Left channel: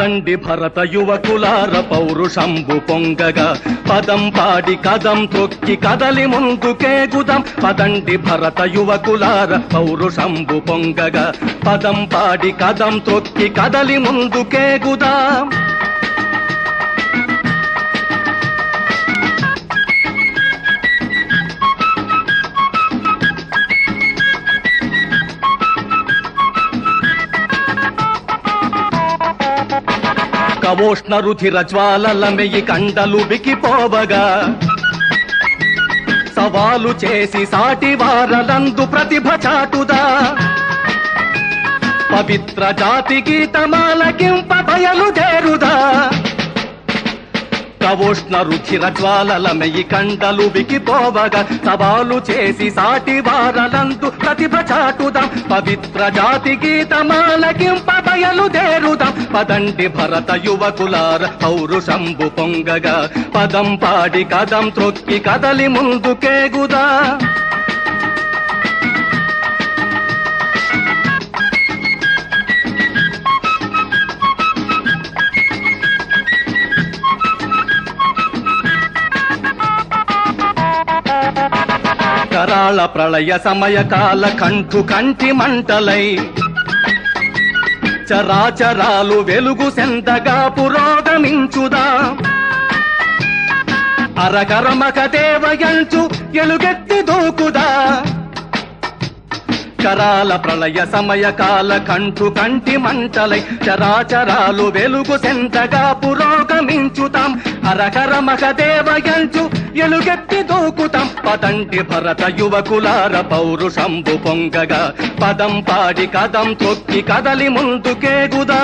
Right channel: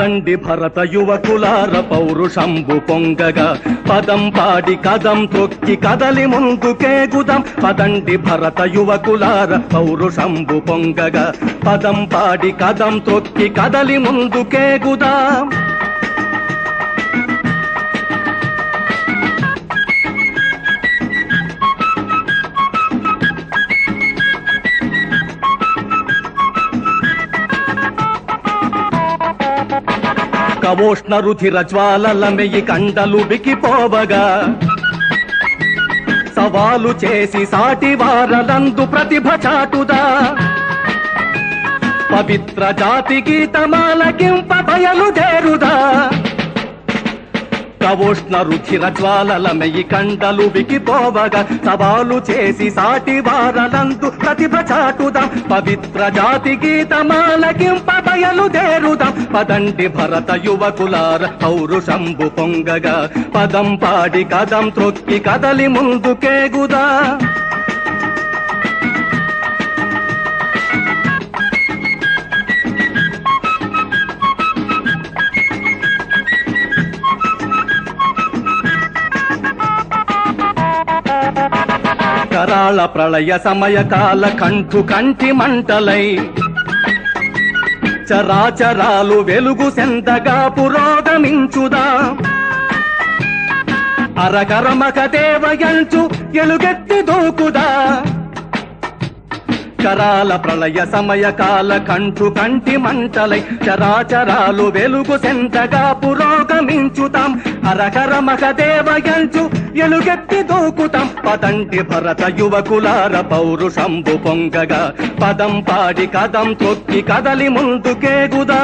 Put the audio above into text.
పదండి భరత యువకులార పౌరుషంబు పొంగగా. పదం పాడి కదం తొక్కి కదలి ముందుకేగుదాం పదండి భరత యువకులార పౌరుషంబు పొంగగా. పదం పాడి కదం తొక్కి కదలి ముందుకేగుదాం కవోష్ణ రుచిర జ్వాలల కండలు బికిపోవగా సవాలు చేసి సాటి వారలందు ప్రతిభ చాటుదా. పవిత్ర జాతి గీతమాలకింప బయలుదేరుదా కవోష్ణ రుచిర జ్వాలల మెయ్యి కండలు బికిపోవగా సవాలు చేసి సాటి వారలందు ప్రతిభ చాటుదా. పవిత్ర జాతి గీతమాలకింప బయలుదేరుదాం పదండి భరత యువకులార పౌరుషంబు పొంగగా. పదం పాడి కదం త్రొక్కి కదలి ముందుకేగుదా. కరాళ ప్రళయ సమయ కాల కంటి మంటలై. చరాచరాలు వెలుగు సెంతగా పురోగమించుదా అరకరమక దేవయంచు ఎలుగెత్తు దూకుదా. అక్షరాల ప్రళయ సమయ కాల కంటి మంటలై చరాచరాలు వెలుగు సెంతగా పురోగమించుతాం. హరకరమక దేవయంచు ఎలుగెత్తి దూకుతాం. పదంటి భరత యువకులార పౌరుషంబు పొంగగా. పదం పాడి కదం తొక్కి కదలి ముందుకేగుదా.